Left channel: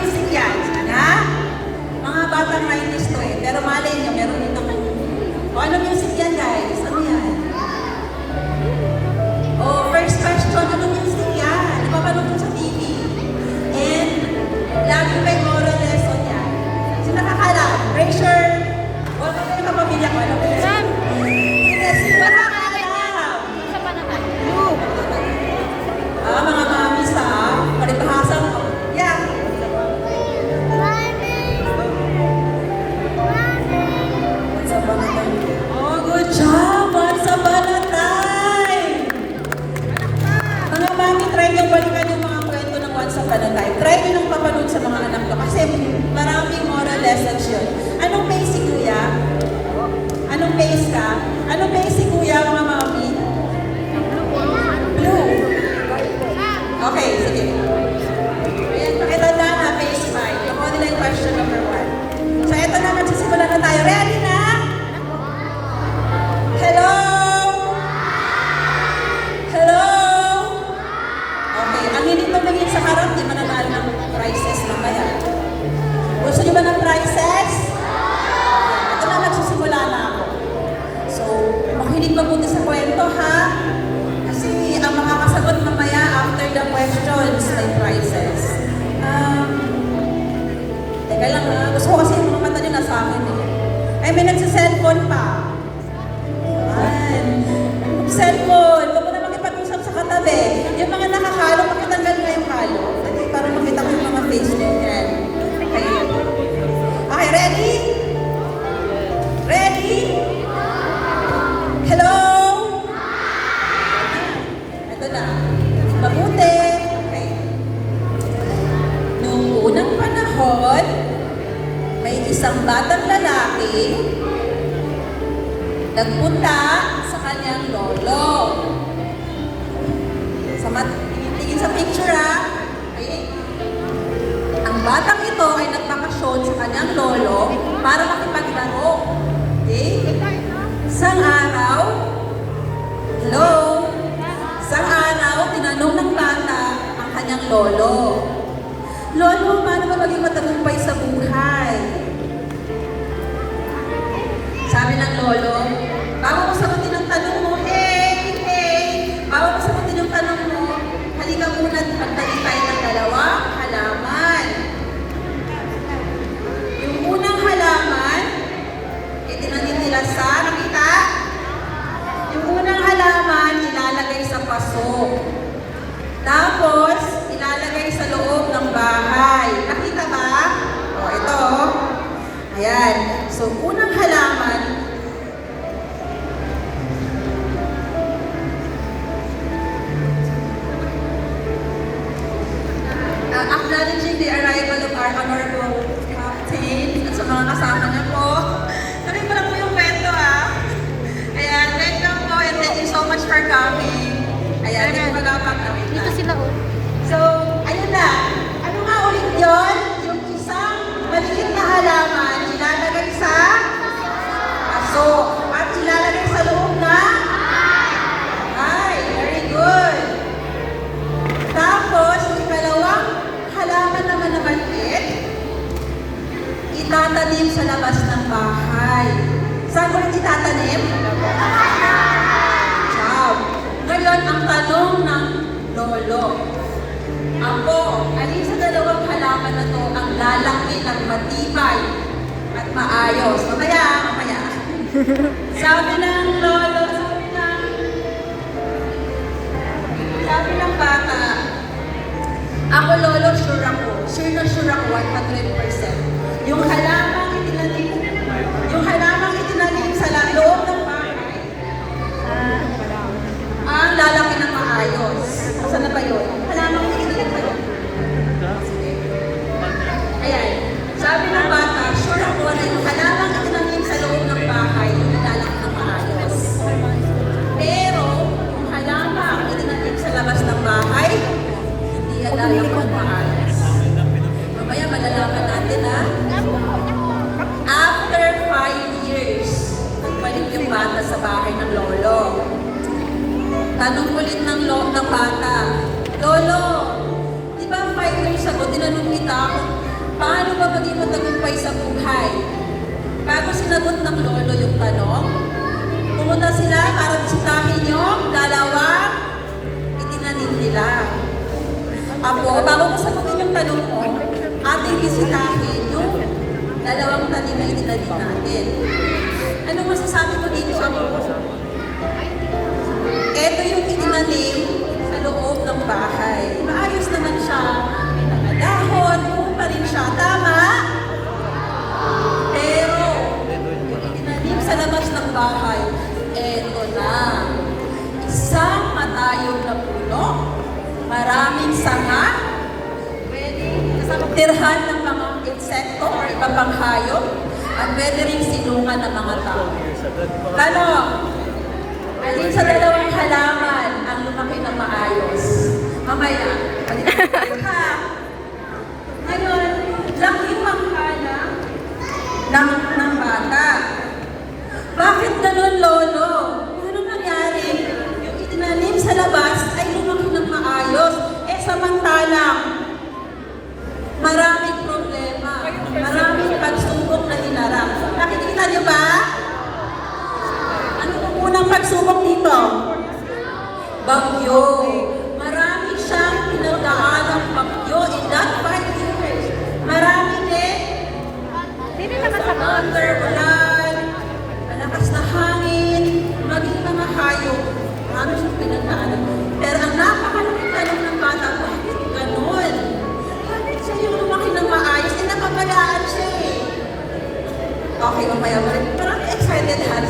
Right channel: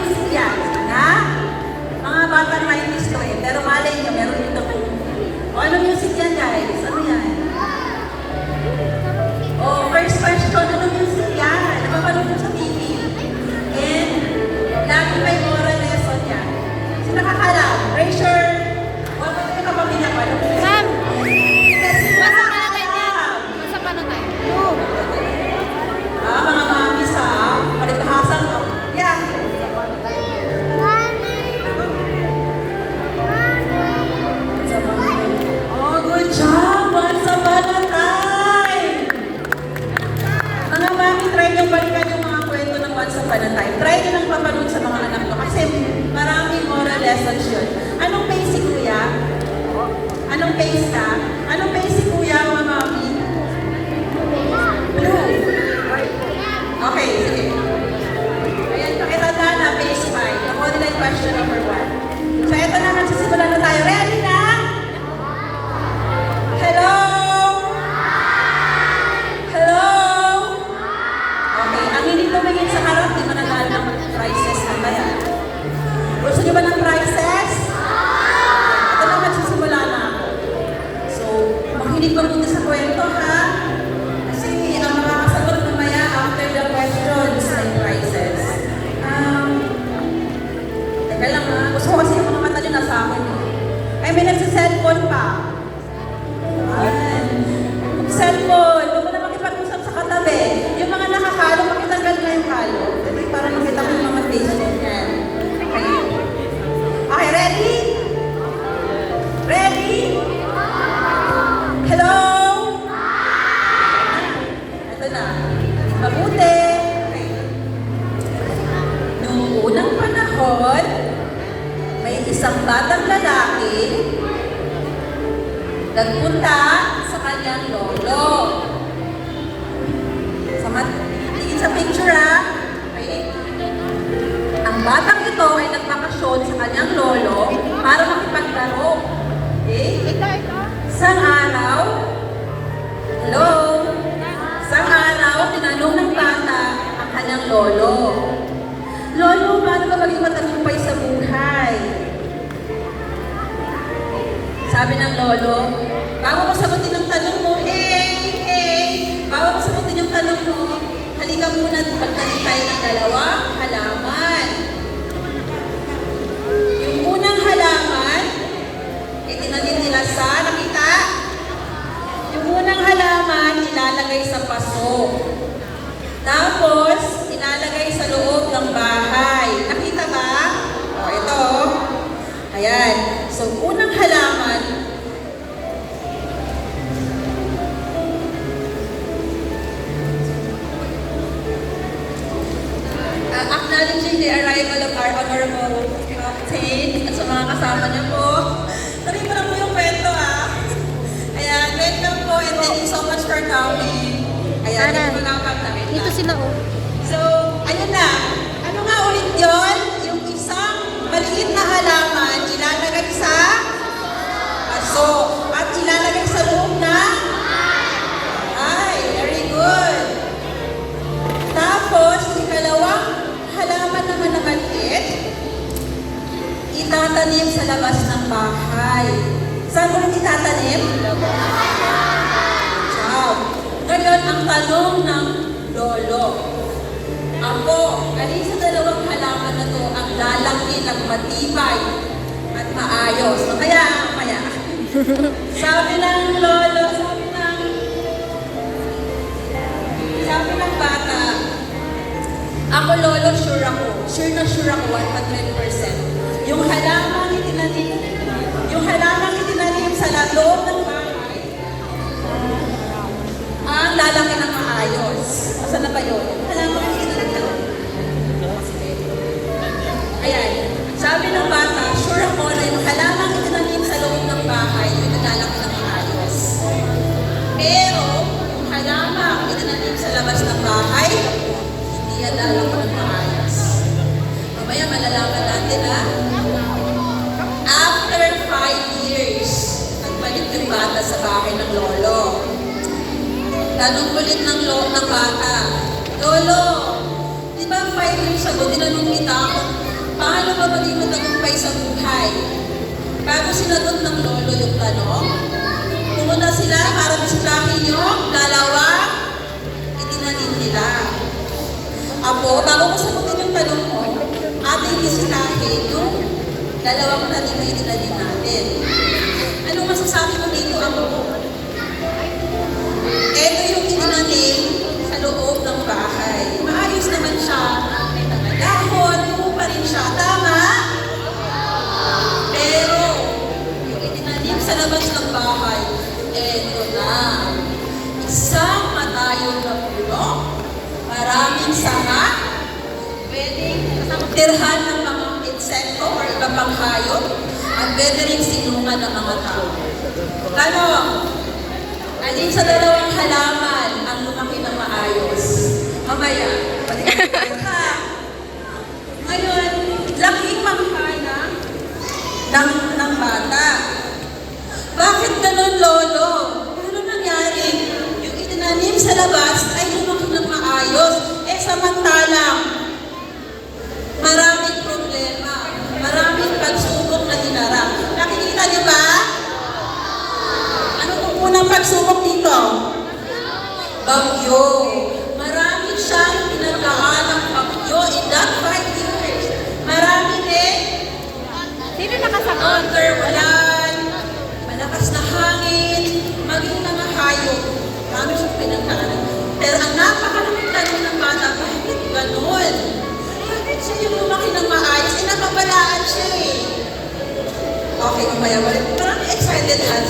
music yan? Ha? Mga batang 90s to eh. Pero malay nyo, meron ito. O anong music yan guys? Ano yan? O first question, anong music yan? Napapanood ko sa TV. And lagi may moral lesson yan. Sino nakakalam? Raise your... O ano yung kapamilya ko? Ano po yan? Mga mami sa paribahasan ko. Yeah. Oh, good job! Once upon a time! Mga mami, try nyo balikan yung mga kwento ng Once upon a time. Try nyo nang papanood sa mga anak ko kasi maraming moral lessons yun. Anong pace si Kuya? Anong pace ka? Anong pace si Kuya, mga mami? Okay, sige. Ayan, pakitanda na, phase 5. Online question number 1. So, eto na, magsisimula na tayo. Ready na? Hello? Hello? Okay, ang hindi tumingin sa harap, di mananalo ng prizes mamaya. Gusto niyo ba ng prizes? Ito na, magsisimula na ako. So, makinig mabuti sa kwento, ha? Kasi ang mga kasagot mamaya after the questions ay prizes. Teka lang ha, gusto ko kasi yung mga mata nyo nasa akin eh. Ay, may nagsa-cellphone pa. Ayan. Cellphone, huwag mo na makipag-usap sa katabi. Yung mga nakakalo, makitanggal nga yung halo. Ito para makita mo yung mga Facebook yan. Okay. Okay, ready? Ready? Hello? Ito na. Mabuti. Okay. Noong unang panahon, may isang batang lalaki nagpunta sa kanyang lolo. Tingin sa picture ha. Okay. Ang batang ito ay nagpapasyon sa kanyang lolo para makipaglaro. Okay? Isang araw, hello? Isang araw, tinanong ng bata ang kanyang lolo. Lolo, paano ba maging matagumpay sa buhay? Sabi ng lolo, bago ko sagutin ang tanong mo, bago ko sagutin yung tanong mo, halika muna at magtanim tayo ng dalawang halaman. Yung unang halaman, itinanim nila sa, nakita? Yung unang halaman, ilalagay sa paso. Tapos, ilalagay sa loob ng bahay. Nakita ba? O, ito. Ayan. So, unang halaman, acknowledging the arrival of our honorable captain at sa mga kasama niyo po. Tuloy ko lang po yung kwento Ayan, welcome po and thank you so much for coming. Ayan, may magkakagawin na. Dito sila oh. So, ayun na. Ano nga ulit yun? Yung isang maliit na halaman, ilalagay sa paso. At ilalagay sa loob na? Ay, very good. Tapos, ikalawang halaman naman na maliit, itatanim sa labas ng bahay. Saan ulit itatanim? Ciao. Ganon ang tanong ng lolo. Ako, alin sa dalawang halaman na to ang lalaki ng matibay at maayos? So, kaya, sabi ng lolo, sabi ng bata, ako lolo, sure ako. Sure na sure ako, 100%. Yung halamang itinanim sa loob ng bahay, ang lalaki ng maayos. Saan na ba yun? Halamang itinanim sa loob. Ayan. Sabi ng bata, sure ako na yung halamang itinanim sa loob ng bahay, yung lalaki ng maayos. Pero, yung halamang itinanim sa labas ng bahay, hindi yan lalaki ng maayos. Mamaya malalaman natin sagot ng lolo yung tanong. Pumunta sila para bisitahin yung dalawang itinanim nila. Ako, bago ko sagutin yung tanong ko, ating bisitahin yung dalawang tanim na itinanim natin. Anong masasabi mo dito, ako? Ito yung itinanim sa loob ng bahay. Maayos naman siya. May mga dahon, buo pa rin siya. Tama? Pero, yung itinanim sa labas ng bahay, ito na. Isang matayog na puno. Maraming sanga. Pwedeng tirhan ng mga insekto or ibang pang hayop. At pwede rin sinungan ng mga tao. Ano? Alin sa dalawang halaman ang lumaki ng maayos? Mamaya. Ngayon, laki panghala ng bata. Bakit ganun, Lolo? Ano nangyari? Yung itinanim sa labas ay lumaki ng maayos. Eh, samantalang, maraming problema, maraming pagsubok na dinara. Nakikita niyo ba? Ano pong unang pagsubok dito? Bagyo. Marami siyang pinagdaan ng bagyo in that 5 years. Marami din. Sino nakasagot? Underulan, malakas na hangin, maging mga hayop. Marami siyang pinagdaanan. Pero ang napakalaking tanong ng bata, bakit ganun? Bakit siya yung lumaki ng maayos? Eh, napapalaan siya eh. Okay, mamaya. Marami excited lang